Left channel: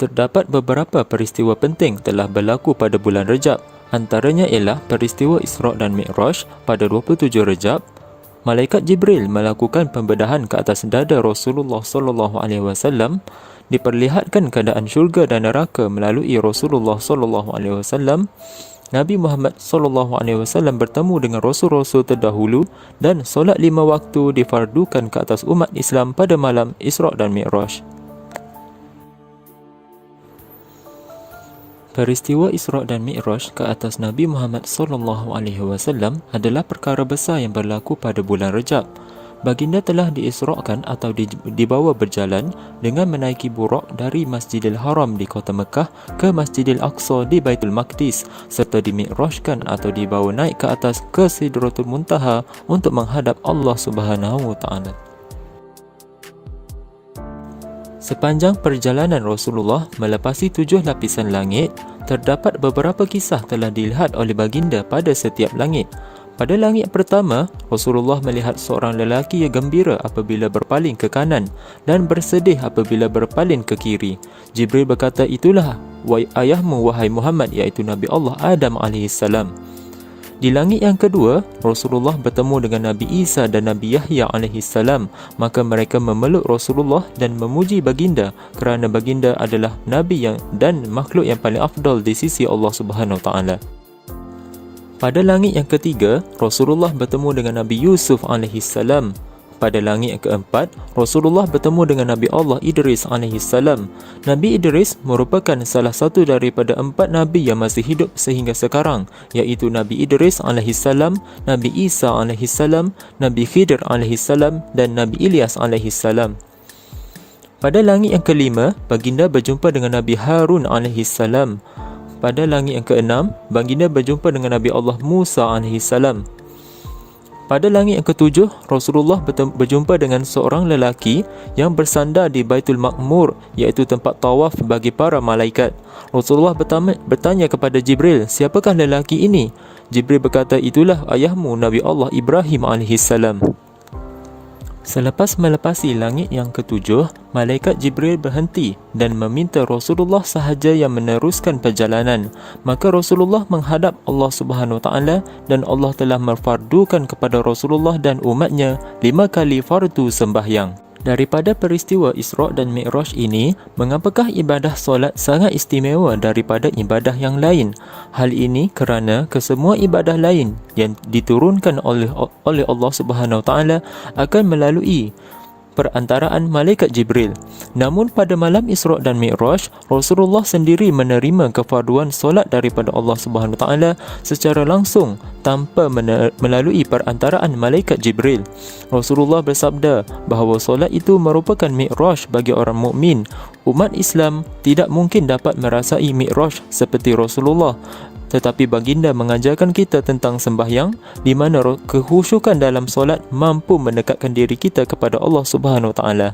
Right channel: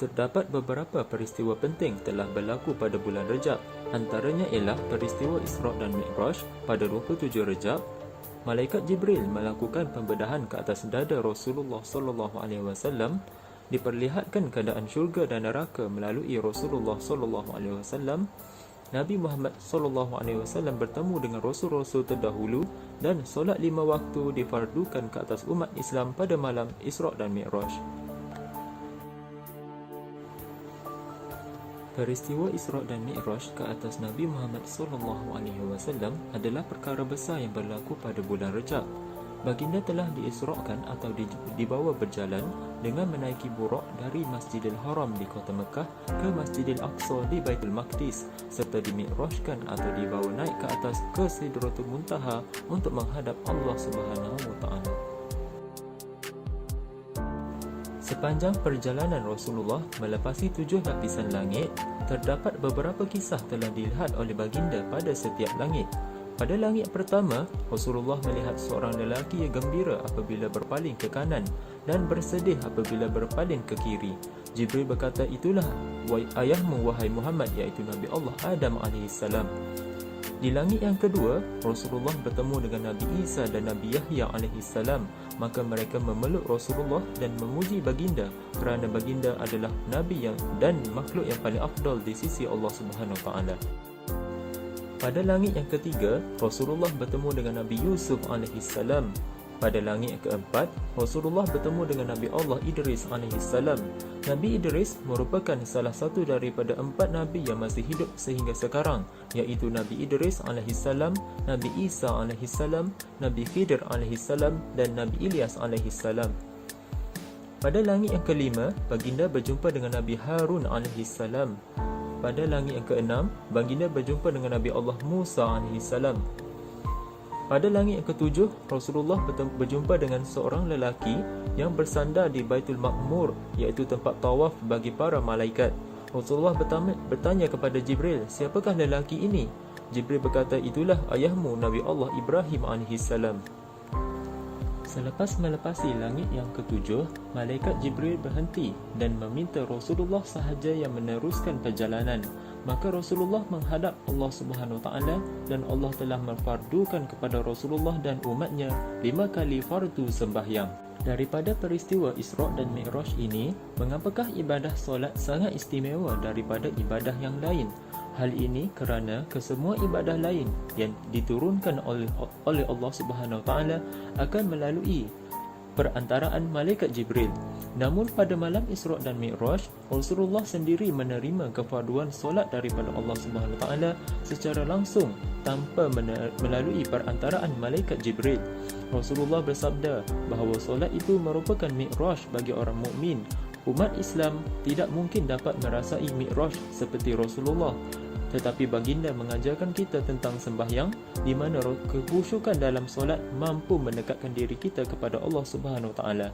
Terdapat beberapa peristiwa penting telah berlaku pada bulan Rejab. Antaranya ialah peristiwa Isra' dan Mi'raj pada 27 Rejab. Malaikat Jibril melakukan pembedahan ke atas dada Rasulullah sallallahu alaihi wasallam. Diperlihatkan keadaan syurga dan neraka melalui Rasulullah sallallahu alaihi wasallam. Nabi Muhammad sallallahu alaihi wasallam bertemu dengan rasul-rasul terdahulu dan solat 5 waktu difardukan ke atas umat Islam pada malam Isra' dan Mi'raj. Peristiwa Isra' dan Mi'raj ke atas Nabi Muhammad sallallahu alaihi wasallam adalah perkara besar yang berlaku pada bulan Rejab. Baginda telah diisra'kan atau dibawa berjalan dengan menaiki burak dari Masjidil Haram di kota Mekah ke Masjidil Aqsa di Baitul Maqdis, serta dimi'rajkan atau dibawa naik ke atas ke Sidratul Muntaha untuk menghadap Allah Subhanahu wa taala. Sepanjang perjalanan Rasulullah melepasi 7 lapisan langit, terdapat beberapa kisah telah dilihat oleh baginda pada setiap langit. Pada langit pertama, Rasulullah melihat seorang lelaki yang gembira apabila berpaling ke kanan dan bersedih apabila berpaling ke kiri. Jibril berkata, "Itulah ayahmu wahai Muhammad," iaitu Nabi Allah Adam AS. Di langit yang kedua, Rasulullah bertemu dengan Nabi Isa dan Nabi Yahya AS. Maka mereka memeluk Rasulullah dan memuji baginda kerana baginda adalah Nabi dan makhluk yang paling afdal di sisi Allah Subhanahu Wa Taala. Pada langit yang ketiga, Rasulullah bertemu dengan Nabi Yusuf AS. Pada langit yang keempat, Rasulullah bertemu dengan Nabi Allah Idris AS. Nabi Idris merupakan salah satu daripada 4 Nabi yang masih hidup sehingga sekarang, iaitu Nabi Idris AS, Nabi Isa AS, Nabi Khidir AS dan Nabi Ilyas AS. Pada langit yang kelima, baginda berjumpa dengan Nabi Harun AS. Pada langit yang keenam, baginda berjumpa dengan Nabi Allah Musa AS. Pada langit yang ketujuh, Rasulullah berjumpa dengan seorang lelaki yang bersandar di Baitul Ma'mur, iaitu tempat tawaf bagi para malaikat. Rasulullah bertanya kepada Jibril, "Siapakah lelaki ini?" Jibril berkata, "Itulah ayahmu Nabi Allah Ibrahim AS." Selepas melepasi langit yang ketujuh, malaikat Jibril berhenti dan meminta Rasulullah sahaja yang meneruskan perjalanan. Maka Rasulullah menghadap Allah Subhanahu Wa Taala dan Allah telah memfardukan kepada Rasulullah dan umatnya 5 kali fardu sembahyang. Daripada peristiwa Isra' dan Mi'raj ini, mengapakah ibadah solat sangat istimewa daripada ibadah yang lain? Hal ini kerana kesemua ibadah lain yang diturunkan oleh Allah Subhanahu Wa Taala akan melalui perantaraan malaikat Jibril. Namun pada malam Isra' dan Mi'raj, Rasulullah sendiri menerima kefarduan solat daripada Allah Subhanahu Wa Taala secara langsung tanpa melalui perantaraan malaikat Jibril. Rasulullah bersabda bahawa solat itu merupakan Mi'raj bagi orang mukmin. Umat Islam tidak mungkin dapat merasai Mi'raj seperti Rasulullah. Tetapi baginda mengajarkan kita tentang sembahyang, di mana kekhusyukan dalam solat mampu mendekatkan diri kita kepada Allah Subhanahu Wa Taala.